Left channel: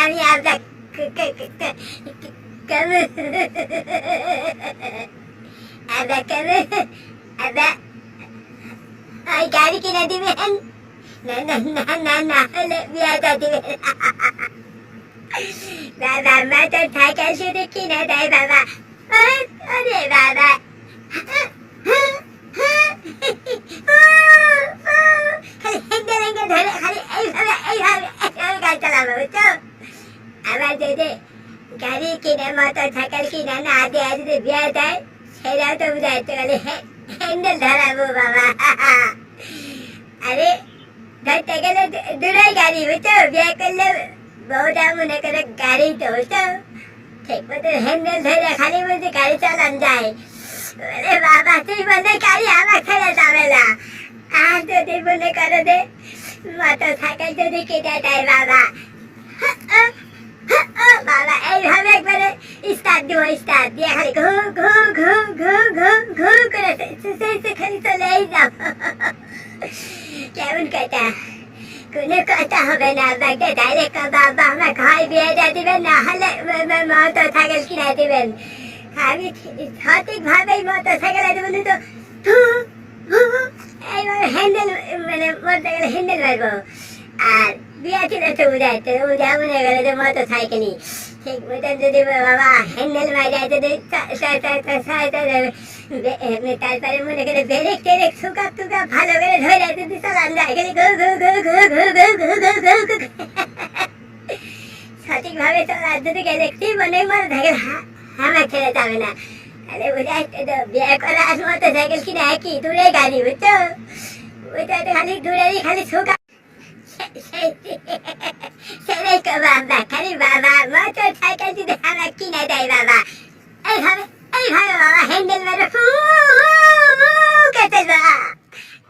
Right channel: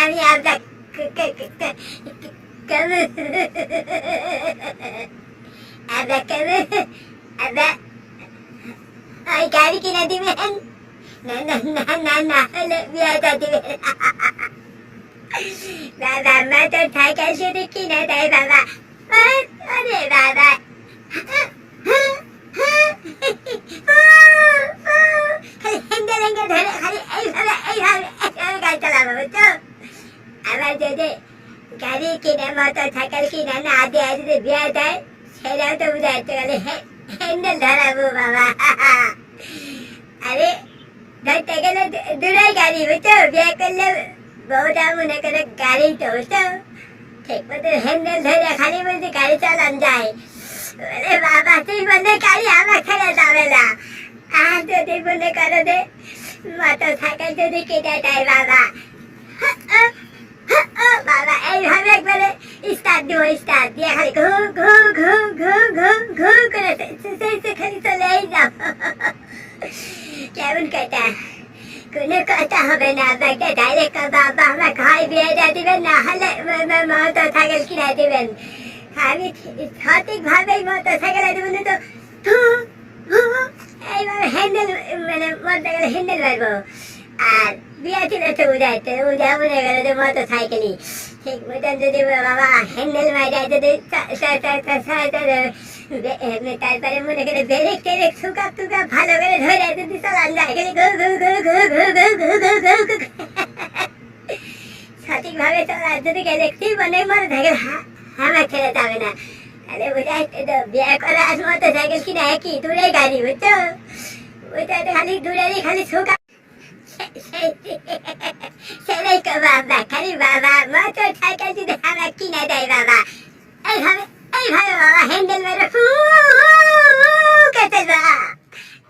আমি আপনার কেমন আপনার কেমন আপনার ওই গাড়ি কিনে দিবেন না না না না না হলে বিয়েটা দিবেন বাবা মা তো সাইকেল শুধু কিনে দেয় বাবা আরে বাবা খালি হেঙ্গে হেঙ্গে ধরে খালি এইভাবে এইভাবে এইভাবে গাড়ি চালাবো বুঝছ আবার যদি গাড়ি কিনে মোটর সাইকেল কিনে না দেয় যদি বিয়ে দেয় সেটাও তো বুঝাইতে গেলে হ্যান্ডেল ধরাবো বাবা আরে ধরতে গেলে দূরাই গাড়ি বুঝছ বিয়ে করলে বউটা মনে করে গাড়ি তো বুঝছ ঠিক মতো হ্যান্ডেল ধরে খালি বলতে গাড়ি চালান যায় বলে বাবা তুই মনে গাড়ি আমার ছেড়ে যাবে না আর যদি মনে করো যে মোটর সাইকেল যদি কিনে দেয় বাবা বাবা এইভাবে একবারে স্টার্ট দিব স্টার্ট দিয়ে খালি ঘু ঘু ঘু ঘু ঘু ঘু করে খালি চলেই যাও কেমন কথা কোনো কথা হবে না আপনাকে ডাইরেক্ট বাবা আমার খাই বিয়ে দিয়ে দিবেন না হলে মোটর সাইকেল কিনে দিবেন আমি সঠিকভাবে মোটর সাইকেল দেবেন তো এইভাবে হ্যান্ডেল মানে মোটর সাইকেল হ্যান্ডেল আর বিয়ে ছিল তো মনে গেল যে মোটর সাইকেলই ঠিক যদি বাবা হ্যান্ডেল যদি তারপরে মনে করে ব্রেক টেরেক সুকাপ টুকাপ ভালো করে ধরে যদি চালান যায় খালি ঘু ঘু। সঠিকভাবে চলা যদি গেলে কি মনে মনে থাকে আমার ছেড়ে যাবে না বুঝাইতে তো বিয়ে করা আর মোটর সাইকেল কিনে একই? দূরে গাড়ি, বুঝছ? ওইটা খালি দূরেরই খালি সুকা সেটাই তো বাবা, খালি বাবা মোটর সাইকেল যদি আমার কিনে দেয় বাবা। এইভাবে এইভাবে বাবা হ্যান্ডেল মেরে। ফু কেটে যা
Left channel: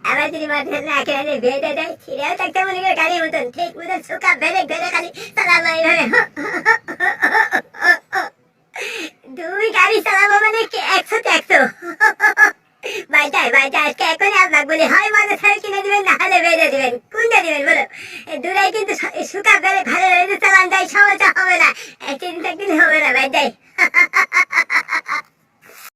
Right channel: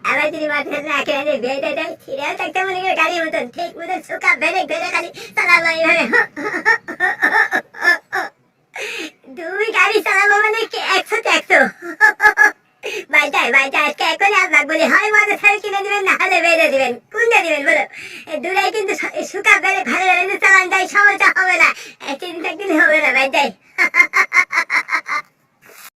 আবার যদি মোটর না দেয়, বেঁধে দেয়, ছিঁড়েও থাকতে মনে করে গাড়ির মতন। ঠিক মতন সুকা বেড়ে বেড়ে খালি চালাবো এইভাবে দুই গাড়ি চালাবো মানে কি একশোতে একশো বাজায় বাজায় আজকে এখনই আপনার বলি? হয় মজা ছাড়া কিনে দিবেন, না হলে বেঁধে দিবেন। কোনটা দিবেন, বলো। দুরাই কিন্তু শুকা করে ভালো চালান যায় সমস্যা হবে না। একদিন একদিন হবে না বাজায়